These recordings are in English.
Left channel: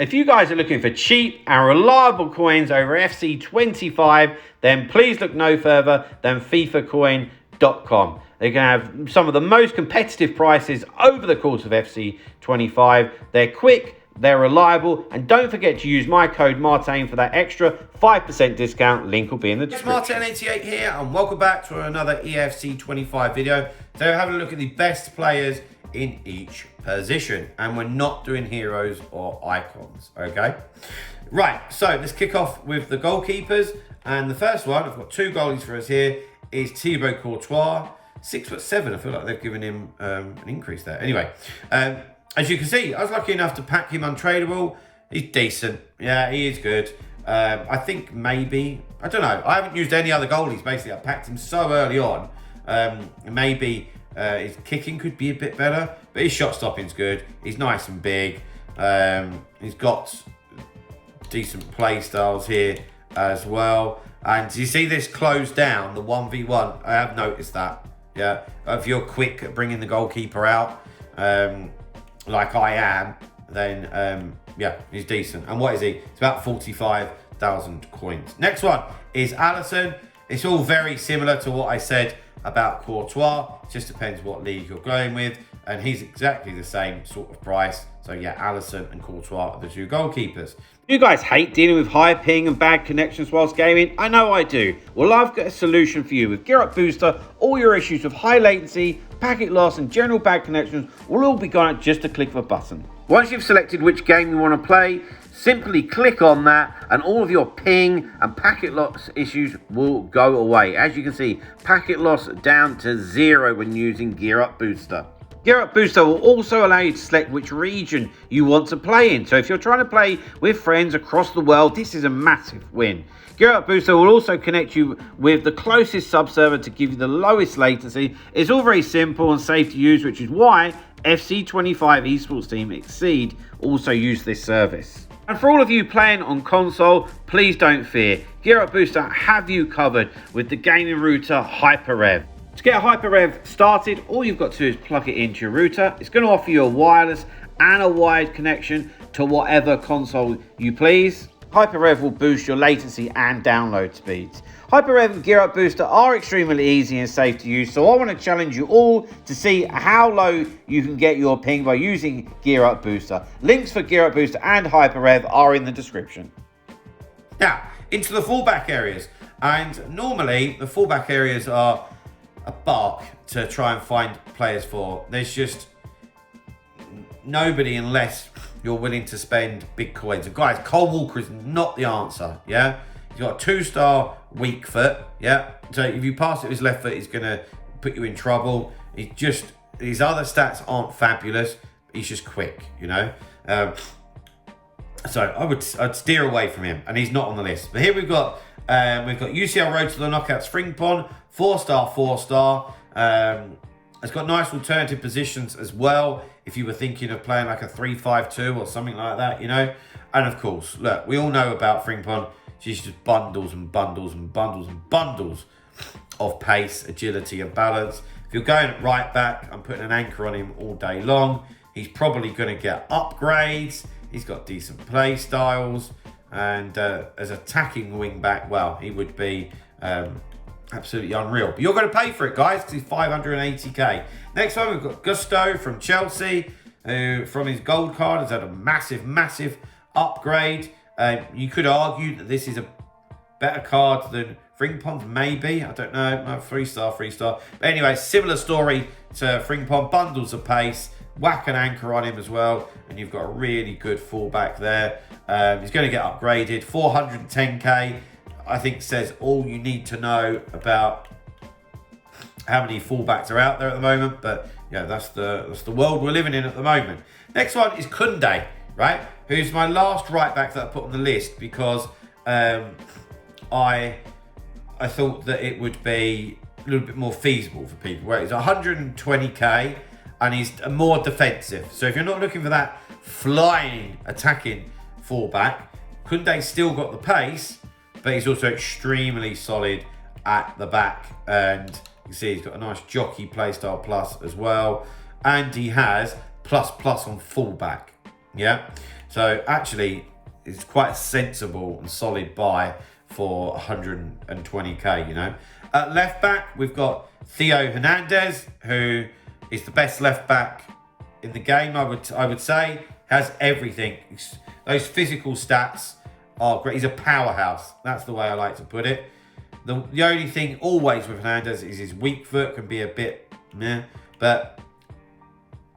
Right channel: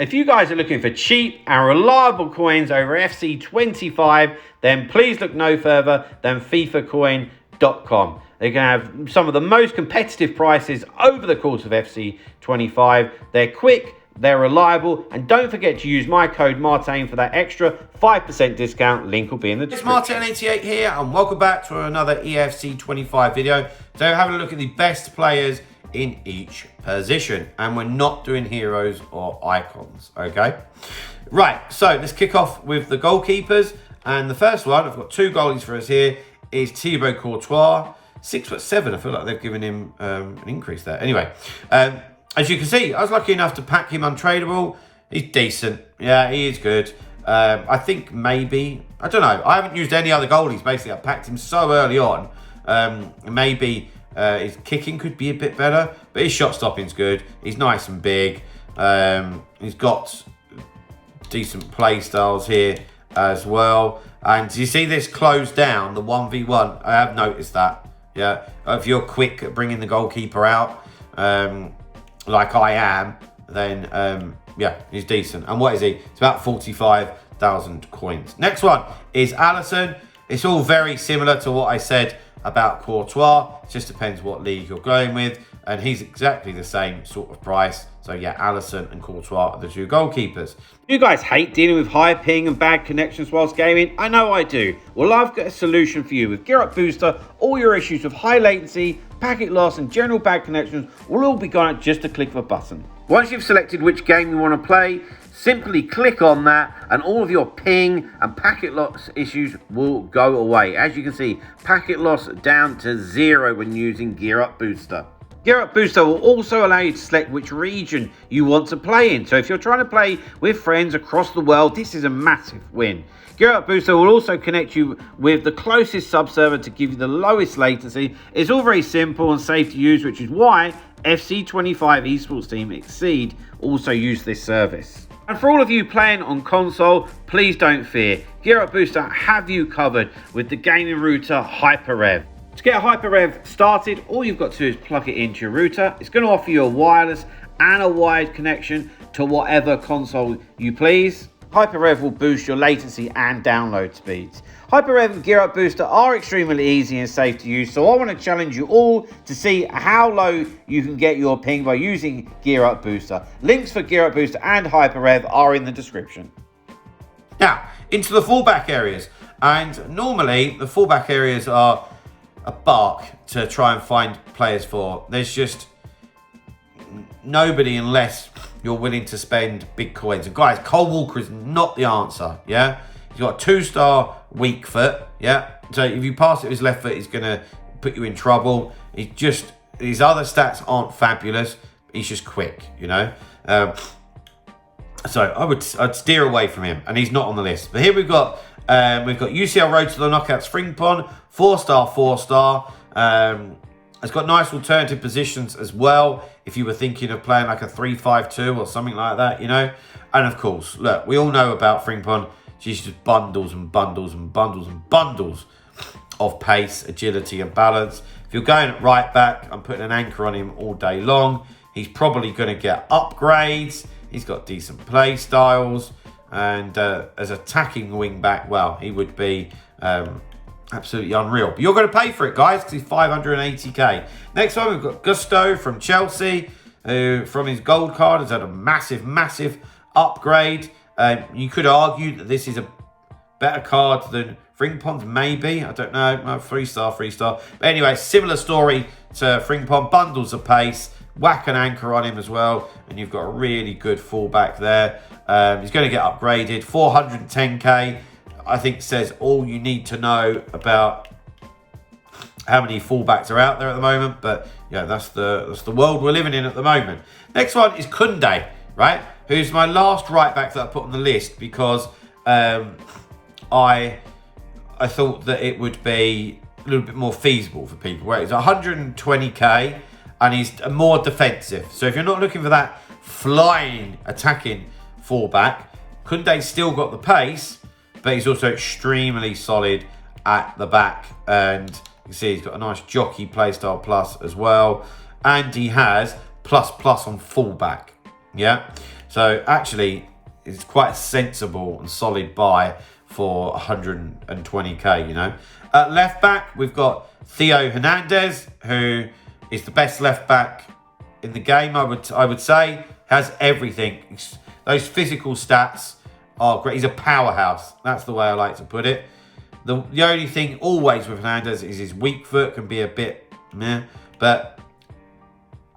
If you guys are looking for cheap and reliable coins over FC25, then please look no further than FIFACOIN.com. They can have some of the most competitive prices over the course of FC25. They're quick, they're reliable, and don't forget to use my code Martin for that extra 5% discount. Link will be in the description. It's Martin88 here, and welcome back to another EFC25 video. So we're having a look at the best players in each position, and we're not doing heroes or icons, okay? Right, so let's kick off with the goalkeepers, and the first one, I've got two goalies for us here, is Thibaut Courtois, 6'7". I feel like they've given him an increase there. Anyway, as you can see, I was lucky enough to pack him untradeable. He's decent, yeah, he is good. I think maybe, I don't know, I haven't used any other goalies, basically. I packed him so early on, maybe his kicking could be a bit better, but his shot stopping's good. He's nice and big. He's got decent play styles here as well. And you see this close down, the 1v1. I have noticed that. Yeah, if you're quick at bringing the goalkeeper out, like I am, then yeah, he's decent. And what is he? It's about 45,000 coins. Next one is Alisson. It's all very similar to what I said about Courtois. It just depends what league you're going with, and he's exactly the same sort of price. So yeah, Alisson and Courtois are the two goalkeepers. You guys hate dealing with high ping and bad connections whilst gaming? I know I do. Well, I've got a solution for you. With GearUP Booster, all your issues with high latency, packet loss and general bad connections will all be gone at just a click of a button. Once you've selected which game you want to play, simply click on that and all of your ping and packet loss issues will go away. As you can see, packet loss down to 0 when using GearUP Booster. GearUP Booster will also allow you to select which region you want to play in. So if you're trying to play with friends across the world, this is a massive win. GearUP Booster will also connect you with the closest sub-server to give you the lowest latency. It's all very simple and safe to use, which is why FC25 esports team Exceed also use this service. And for all of you playing on console, please don't fear. GearUP Booster have you covered with the gaming router HyperRev. To get a HyperRev started, all you've got to do is plug it into your router. It's going to offer you a wireless and a wired connection to whatever console you please. HyperRev will boost your latency and download speeds. HyperRev and GearUP Booster are extremely easy and safe to use, so I want to challenge you all to see how low you can get your ping by using GearUP Booster. Links for GearUP Booster and HyperRev are in the description. Now, into the fullback areas. And normally, the fullback areas are a bark to try and find players for. There's just nobody unless you're willing to spend big coins. And guys, Cole Walker is not the answer, yeah? He's got a 2-star weak foot, yeah? So if you pass it with his left foot, he's going to put you in trouble. His other stats aren't fabulous. He's just quick, you know? So I'd steer away from him, and he's not on the list. But here we've got UCL Road to the Knockouts Frimpong, 4-star, 4-star. It's got nice alternative positions as well, if you were thinking of playing like a 3-5-2 or something like that, you know. And of course, look, we all know about Frimpong. She's just bundles and bundles and bundles and bundles of pace, agility and balance. If you're going at right back, I'm putting an anchor on him all day long. He's probably going to get upgrades. He's got decent play styles. And as attacking wing back, well, he would be absolutely unreal. But you're going to pay for it, guys, because he's 580k. Next one, we've got Gusto from Chelsea, who from his gold card has had a massive, massive upgrade. You could argue that this is a better card than Frimpong's, maybe. I don't know. No, 3-star, 3-star. But anyway, similar story to Frimpong. Bundles of pace. Whack an anchor on him as well. And you've got a really good fullback there. He's going to get upgraded. 410k, I think, says all you need to know about how many fullbacks are out there at the moment. But yeah, that's the world we're living in at the moment. Next one is Kunde, right? Who's my last right back that I put on the list because I thought that it would be a little bit more feasible for people. Where it's 120k and he's more defensive. So if you're not looking for that flying attacking fullback, Kunde's still got the pace, but he's also extremely solid at the back. And you can see he's got a nice jockey playstyle plus as well. And he has plus on fullback. Yeah. So actually, it's quite a sensible and solid buy for 120k, you know. At left back, we've got Theo Hernandez, who is the best left back in the game, I would say. Has everything. Those physical stats are great. He's a powerhouse. That's the way I like to put it. The only thing always with Hernandez is his weak foot can be a bit meh, but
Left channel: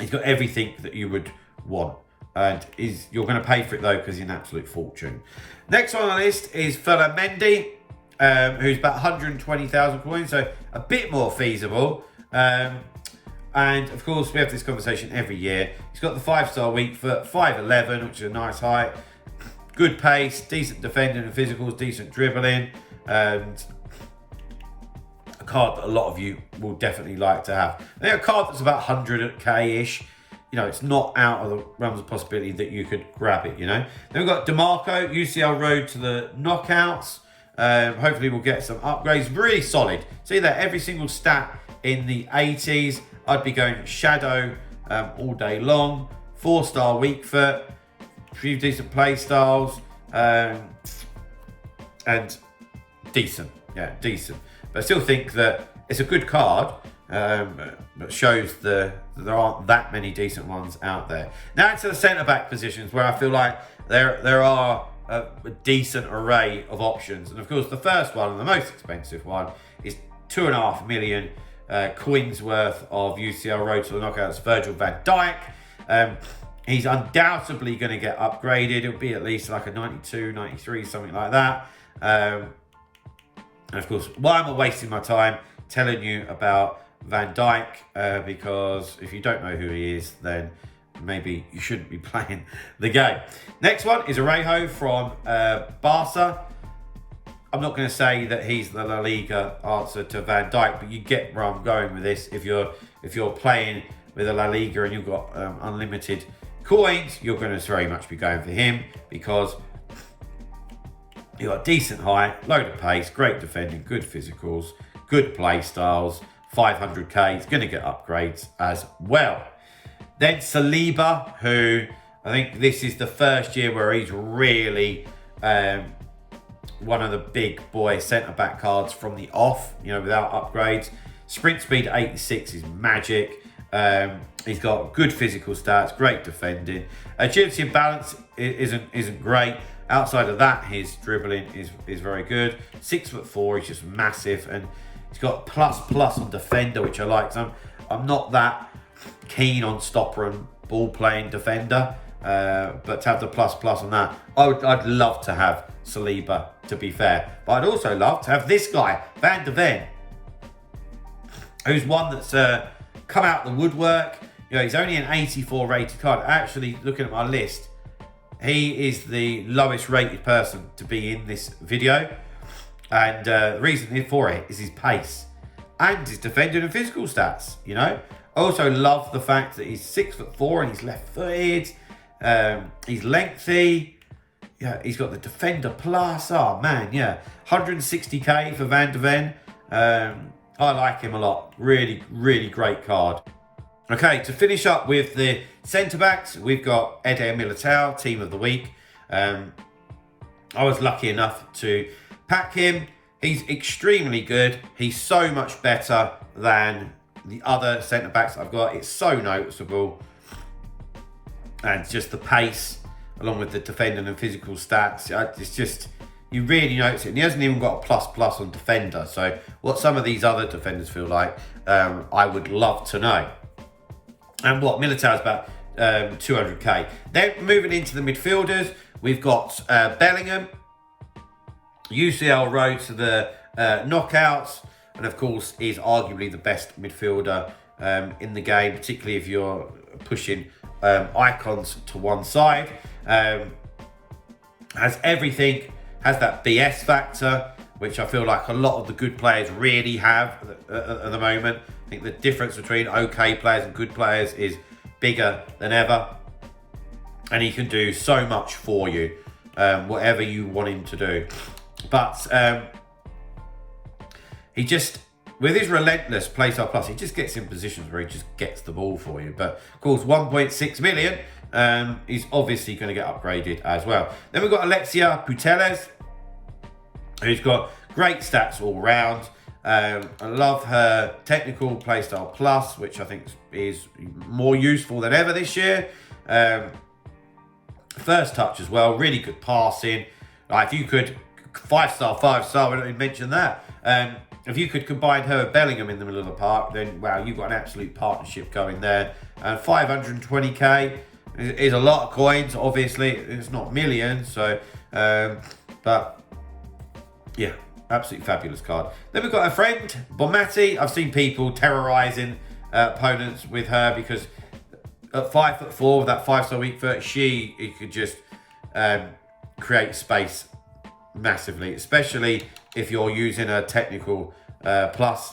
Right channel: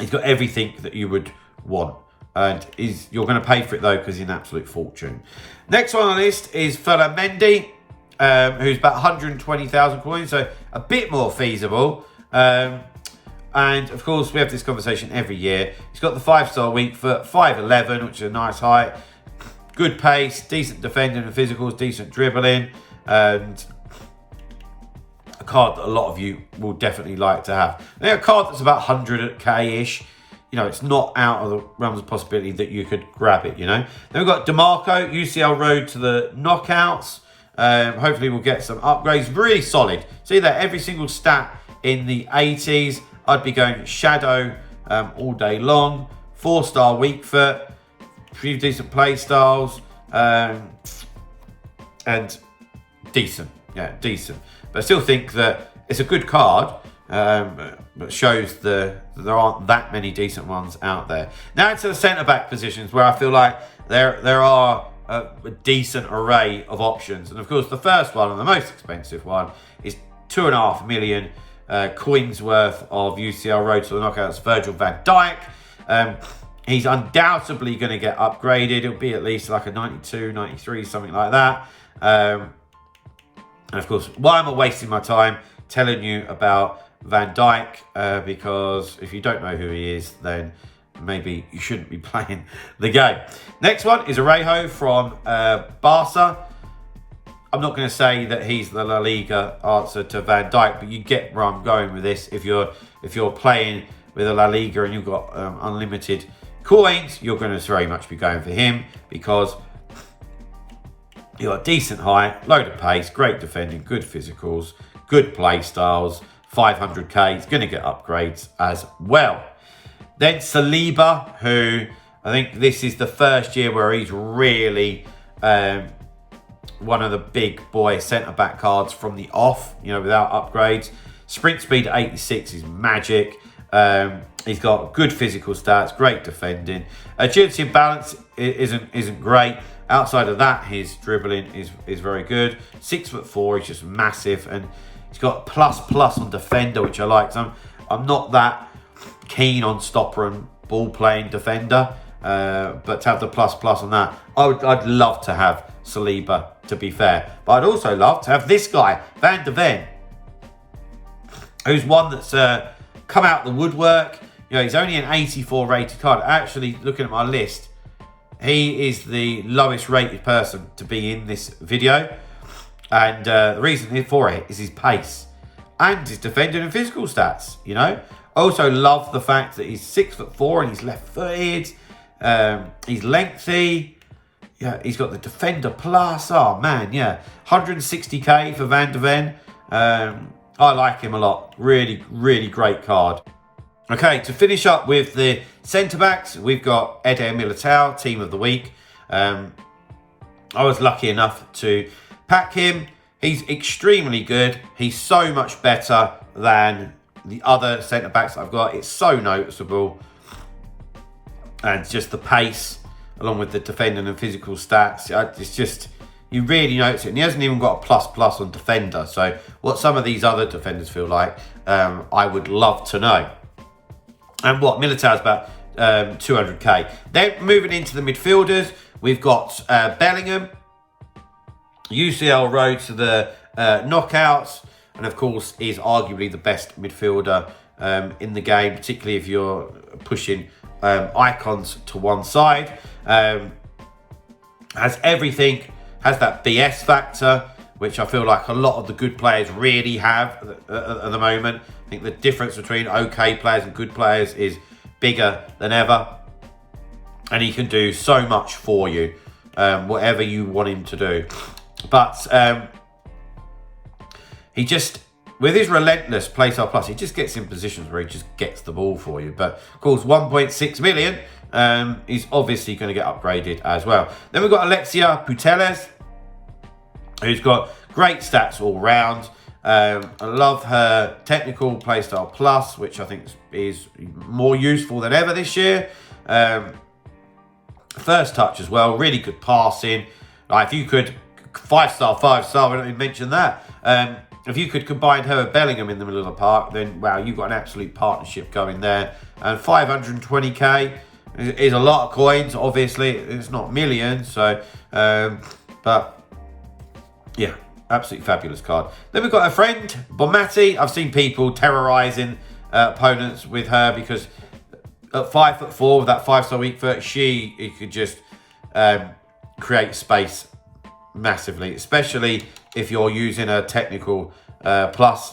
he's got everything that you would want. And you're going to pay for it though, because he's an absolute fortune. Next on the list is Fela Mendy, who's about 120,000 coins, so a bit more feasible. And of course, we have this conversation every year. He's got the 5-star weak foot, 5'11", which is a nice height. Good pace, decent defending and physicals, decent dribbling, and a card that a lot of you will definitely like to have. Now, a card that's about 100k-ish. You know, it's not out of the realms of possibility that you could grab it, you know. Then we've got DeMarco, UCL Road to the knockouts. Hopefully we'll get some upgrades. Really solid. See that every single stat in the 80s. I'd be going Shadow all day long. 4-star weak foot. Few decent play styles. And decent. Yeah, decent. But I still think that it's a good card. But shows there aren't that many decent ones out there. Now into the centre-back positions, where I feel like there are a decent array of options. And of course, the first one and the most expensive one is 2.5 million coins worth of UCL Road to the Knockouts Virgil van Dijk. He's undoubtedly going to get upgraded. It'll be at least like a 92, 93, something like that. And of course, why am I wasting my time telling you about Van Dijk? Because if you don't know who he is, then maybe you shouldn't be playing the game. Next one is Arejo from Barca. I'm not going to say that he's the La Liga answer to Van Dijk, but you get where I'm going with this. If you're playing with a La Liga and you've got unlimited coins, you're going to very much be going for him, because you've got decent height, load of pace, great defending, good physicals, good play styles. 500k, he's going to get upgrades as well. Then Saliba, who I think this is the first year where he's really one of the big boy centre-back cards from the off, you know, without upgrades. Sprint speed at 86 is magic. He's got good physical stats, great defending. Agility and balance isn't great. Outside of that, his dribbling is very good. 6'4", he's just massive, and he's got plus on defender, which I like. So I'm not that keen on stopper and ball playing defender, but to have the plus on that, I'd love to have Saliba, to be fair. But I'd also love to have this guy, Van de Ven, who's one that's come out the woodwork. You know, he's only an 84 rated card. Actually, looking at my list, he is the lowest rated person to be in this video. And the reason for it is his pace and his defending and physical stats, you know. I also love the fact that he's 6'4" and he's left-footed. He's lengthy. Yeah, he's got the defender plus. Oh, man, yeah. 160k for Van de Ven. I like him a lot. Really, really great card. Okay, to finish up with the centre-backs, we've got Eder Militao, Team of the Week. I was lucky enough to pack him. He's extremely good. He's so much better than the other centre-backs I've got. It's so noticeable. And just the pace, along with the defending and physical stats. It's just, you really notice it. And he hasn't even got a plus on defender. So what some of these other defenders feel like, I would love to know. And what Militao's about 200k. Then moving into the midfielders, we've got Bellingham, UCL Road to the knockouts, and of course is arguably the best midfielder in the game, particularly if you're pushing icons to one side. Has everything, has that BS factor, which I feel like a lot of the good players really have at the moment. I think the difference between okay players and good players is bigger than ever. And he can do so much for you, whatever you want him to do. But he just, with his relentless play style plus, he just gets in positions where he just gets the ball for you. But of course, 1.6 million is obviously going to get upgraded as well. Then we've got Alexia Putellas, who's got great stats all round. I love her technical playstyle plus, which I think is more useful than ever this year. First touch as well, really good passing. Like if you could 5-star, 5-star, we don't even mention that. If you could combine her with Bellingham in the middle of the park, then wow, you've got an absolute partnership going there. And 520k is a lot of coins. Obviously, it's not millions, so but yeah, absolutely fabulous card. Then we've got a friend, Bonmati. I've seen people terrorising opponents with her because at 5'4" with that 5-star weak foot, she could just create space massively, especially if you're using a technical plus.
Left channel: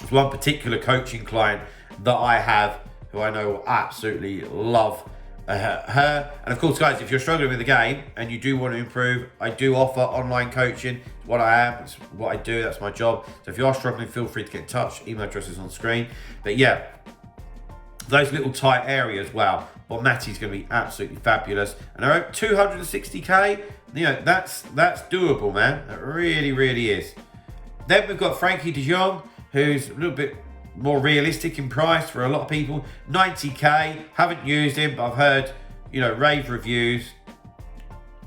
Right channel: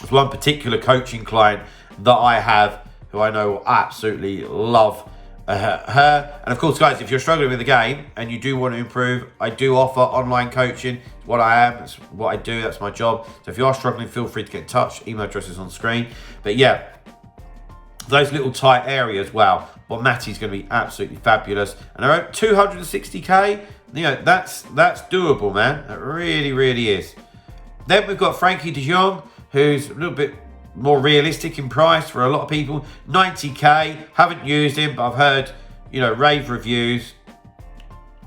There's one particular coaching client that I have who I know will absolutely love her. And of course, guys, if you're struggling with the game and you do want to improve, I do offer online coaching. It's what I am, it's what I do, that's my job. So if you are struggling, feel free to get in touch. Email address is on screen. But yeah, those little tight areas, wow, well, Matty's going to be absolutely fabulous. And around 260k, you know, that's doable, man. That really, really is. Then we've got Frankie de Jong, who's a little bit more realistic in price for a lot of people. 90k, haven't used him, but I've heard, you know, rave reviews.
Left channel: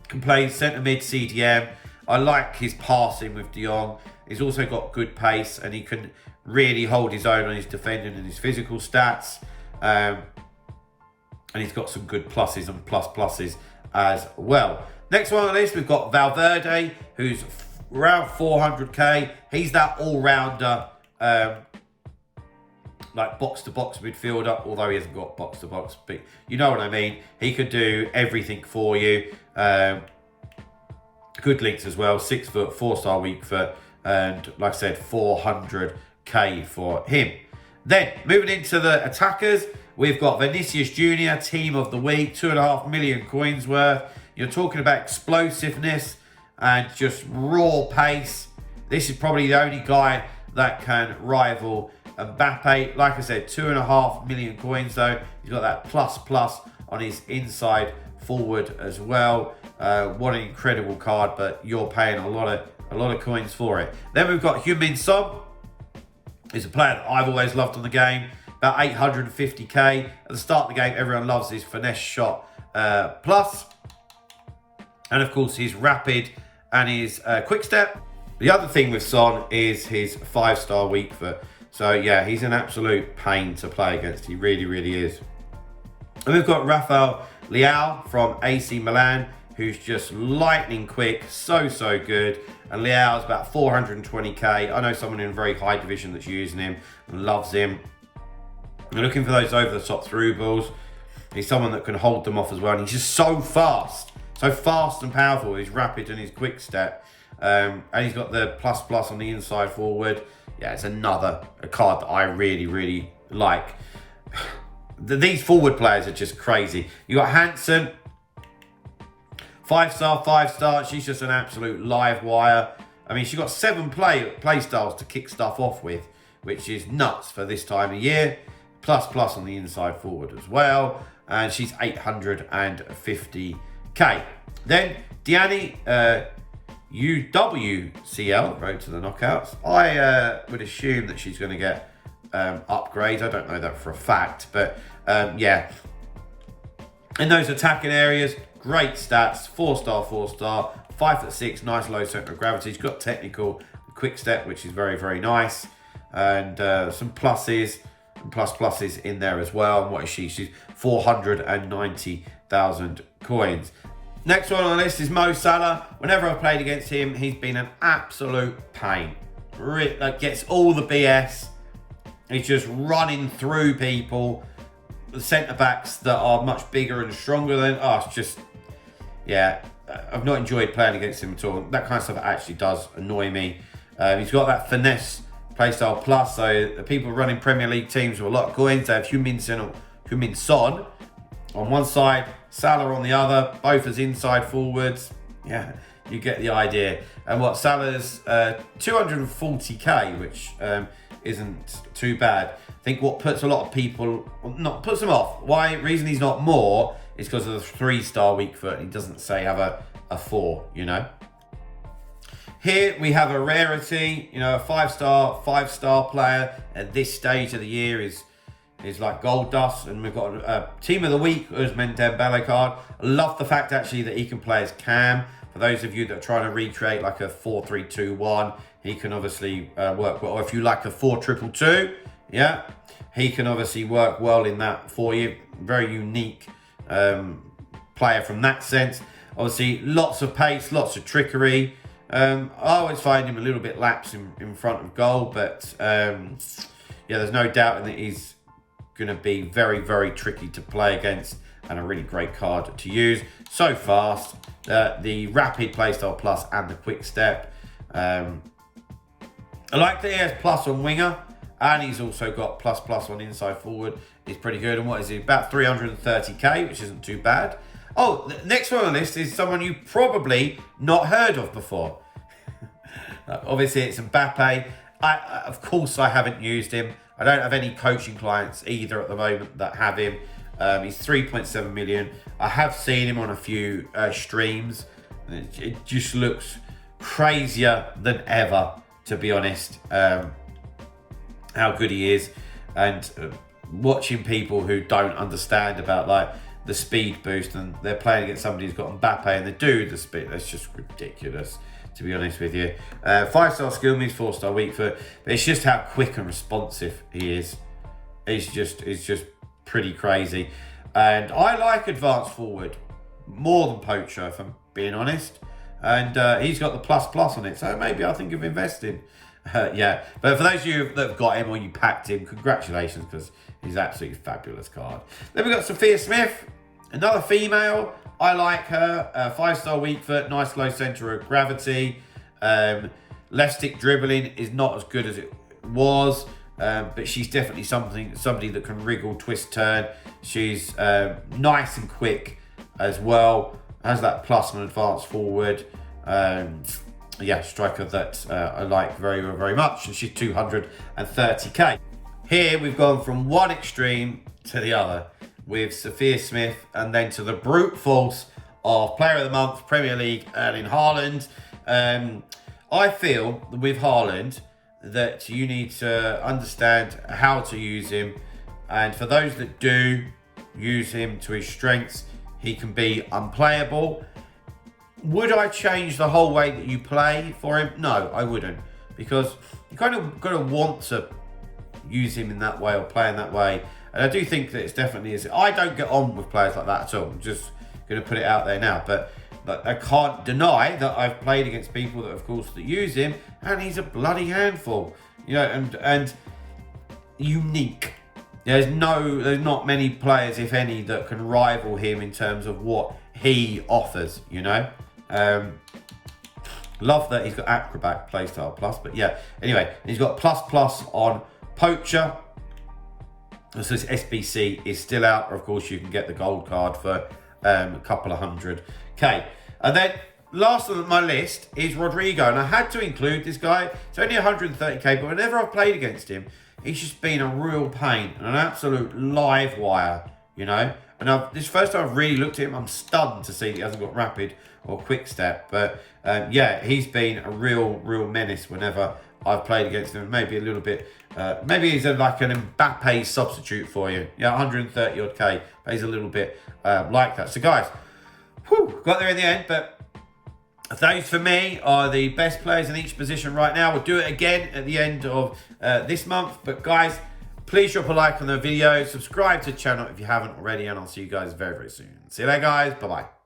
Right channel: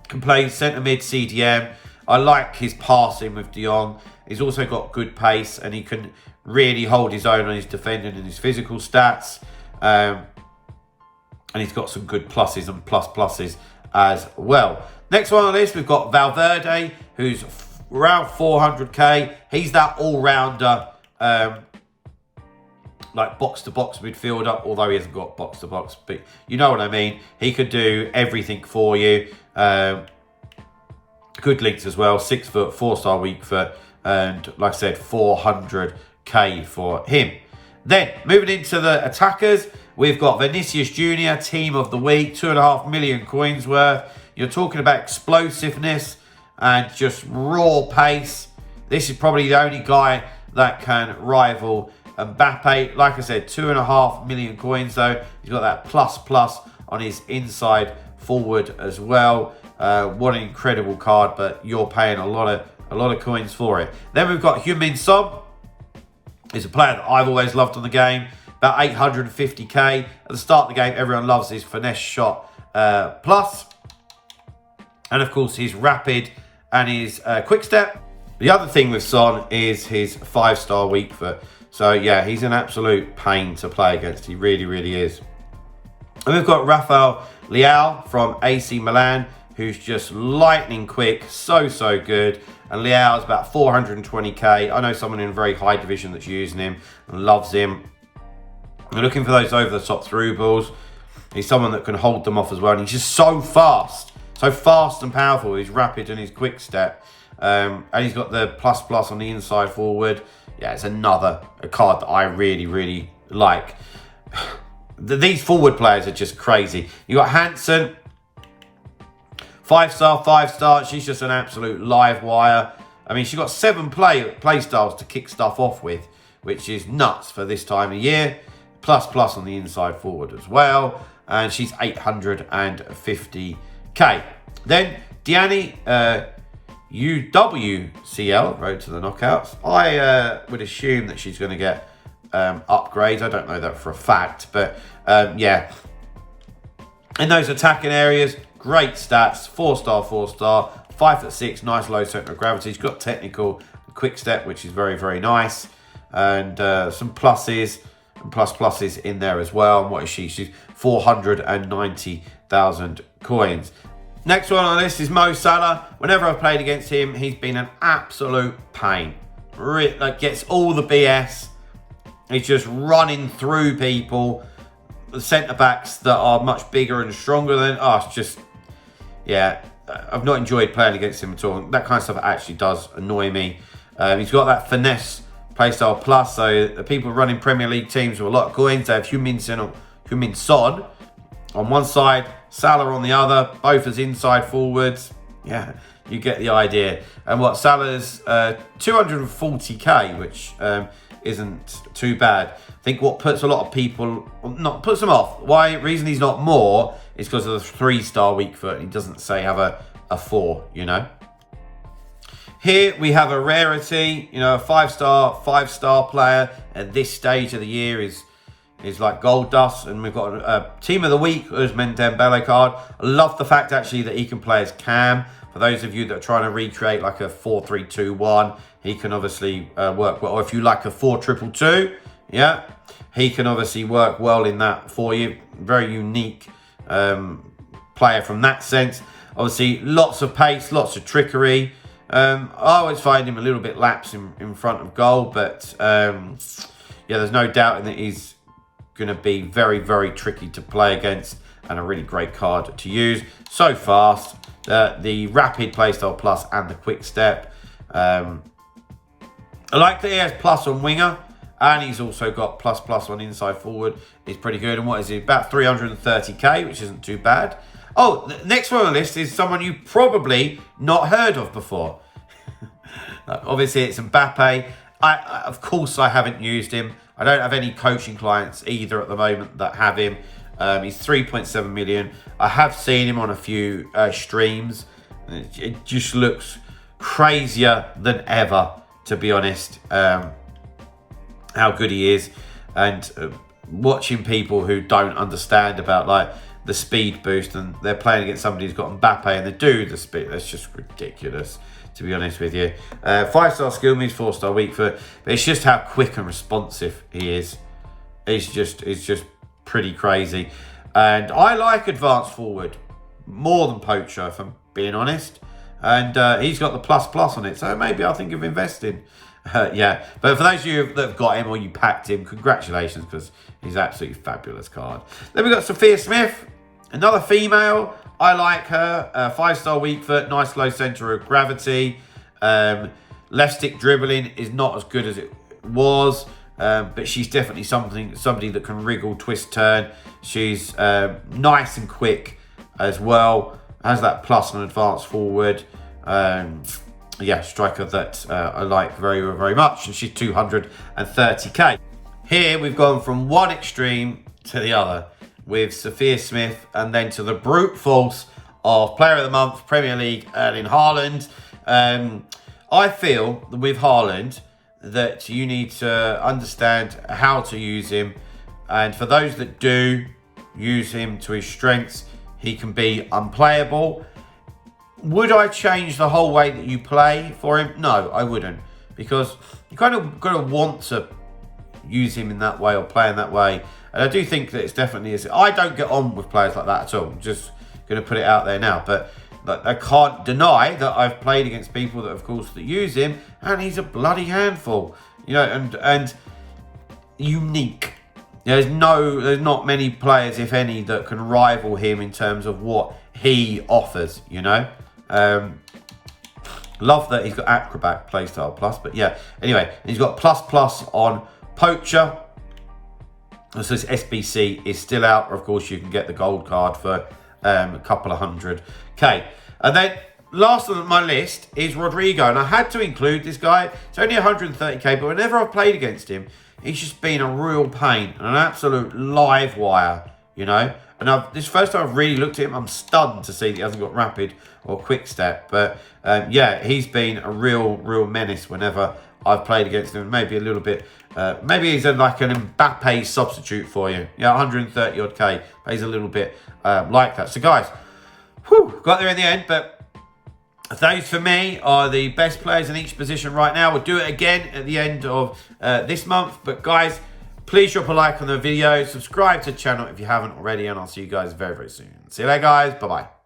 Can play centre mid CDM. I like his passing with de Jong. He's also got good pace and he can really hold his own on his defending and his physical stats. And he's got some good pluses and pluses as well. Next one on the list, we've got Valverde, who's around 400k. He's that all-rounder, like box-to-box midfielder, although he hasn't got box-to-box, but you know what I mean. He could do everything for you. Good links as well, 6 foot, 4-star weak foot, and like I said, 400k for him. Then, moving into the attackers, we've got Vinicius Jr., team of the week, 2.5 million coins worth. You're talking about explosiveness and just raw pace. This is probably the only guy that can rival Mbappe. Like I said, 2.5 million coins though. He's got that plus on his inside forward as well. What an incredible card, but you're paying a lot of coins for it. Then we've got Heung-min Son. He's a player that I've always loved on the game. About 850k. At the start of the game, everyone loves his finesse shot plus. And of course, his rapid and his quick step. The other thing with Son is his 5-star weak foot. So yeah, he's an absolute pain to play against. He really, really is. And we've got Rafael Leao from AC Milan, who's just lightning quick, so good. And Leao's about 420k. I know someone in a very high division that's using him and loves him. We're looking for those over-the-top through balls. He's someone that can hold them off as well. And he's just so fast and powerful. He's rapid and his quick step. And he's got the plus on the inside forward. Yeah, it's a card that I really, really like. These forward players are just crazy. You got Hansen, 5-star. She's just an absolute live wire. I mean, she's got 7 play styles to kick stuff off with, which is nuts for this time of year. Plus on the inside forward as well. And she's 850k. Then Diani UWCL, road to the knockouts. I would assume that she's going to get upgrades. I don't know that for a fact, but yeah. In those attacking areas, great stats. 4-star, 5'6", nice low centre of gravity. She's got technical quick step, which is very, very nice. And some pluses and pluses in there as well. And what is she? She's 490,000 coins. Next one on the list is Mo Salah. Whenever I've played against him, he's been an absolute pain. Like, gets all the BS. He's just running through people. The centre-backs that are much bigger and stronger than... Oh, it's just... Yeah, I've not enjoyed playing against him at all. That kind of stuff actually does annoy me. He's got that finesse playstyle plus, so the people running Premier League teams with a lot of coins, they have Heung-min Son on one side, Salah on the other, both as inside forwards. Yeah, you get the idea. And what, Salah's 240k, which isn't too bad. I think what puts a lot of people, not puts them off, reason he's not more is because of the 3-star weak foot. He doesn't say have a 4, you know. Here we have a rarity, you know, a 5-star player at this stage of the year is like gold dust. And we've got a team of the week, Ousmane Dembele card. I love the fact actually that he can play as Cam. For those of you that are trying to recreate like a 4-3-2-1, he can obviously work well. Or if you like a 4-2-2-2, yeah, he can obviously work well in that for you. Very unique player from that sense. Obviously, lots of pace, lots of trickery. I always find him a little bit lax in front of goal, but yeah, there's no doubt that he's going to be very, very tricky to play against and a really great card to use. So fast, the rapid playstyle plus and the quick step. I like that he has plus on winger, and he's also got plus on inside forward. He's pretty good. And what is he? About 330k, which isn't too bad. Oh, next one on the list is someone you probably not heard of before. Obviously, it's Mbappe. Of course, I haven't used him. I don't have any coaching clients either at the moment that have him. He's 3.7 million. I have seen him on a few streams. It just looks crazier than ever, to be honest, how good he is. And watching people who don't understand about like the speed boost, and they're playing against somebody who's got Mbappe and they do the speed, that's just ridiculous, to be honest with you. 5-star skill moves, 4-star weak foot, but it's just how quick and responsive he is. It's just pretty crazy. And I like advanced forward more than poacher, if I'm being honest. And he's got the plus on it, so maybe I'll think of investing. Yeah, but for those of you that have got him or you packed him, congratulations, because he's an absolutely fabulous card. Then we've got Sophia Smith, another female. I like her. 5-star weak foot, nice low centre of gravity. Left stick dribbling is not as good as it was, but she's definitely somebody that can wriggle, twist, turn. She's nice and quick as well. Has that plus on advanced forward. Yeah, striker that I like very, very much. And she's 230k. Here we've gone from one extreme to the other with Sophia Smith, and then to the brute force of Player of the Month, Premier League, Erling Haaland. I feel that with Haaland that you need to understand how to use him. And for those that do use him to his strengths, he can be unplayable. Would I change the whole way that you play for him? No, I wouldn't, because you kind of got to want to use him in that way or play in that way. And I do think that it's definitely is. I don't get on with players like that at all. I'm just going to put it out there now. But I can't deny that I've played against people that, of course, that use him, and he's a bloody handful. You know, and unique. There's not many players, if any, that can rival him in terms of what he offers, you know. Love that he's got acrobat playstyle plus, but yeah, anyway, he's got plus on poacher. So this SBC is still out. Of course, you can get the gold card for a couple of 100k. And then last on my list is Rodrigo, and I had to include this guy. It's only 130k, but whenever I've played against him, he's just been a real pain and an absolute live wire, you know. And this first time I've really looked at him, I'm stunned to see that he hasn't got rapid or quick step. But yeah, he's been a real menace whenever I've played against him. Maybe a little bit, maybe he's like an Mbappe substitute for you. Yeah, 130 odd K, but he's a little bit like that. So guys, got there in the end, but those for me are the best players in each position right now. We'll do it again at the end of this month. But guys, please drop a like on the video, subscribe to the channel if you haven't already, and I'll see you guys very, very soon. See you later, guys. Bye-bye.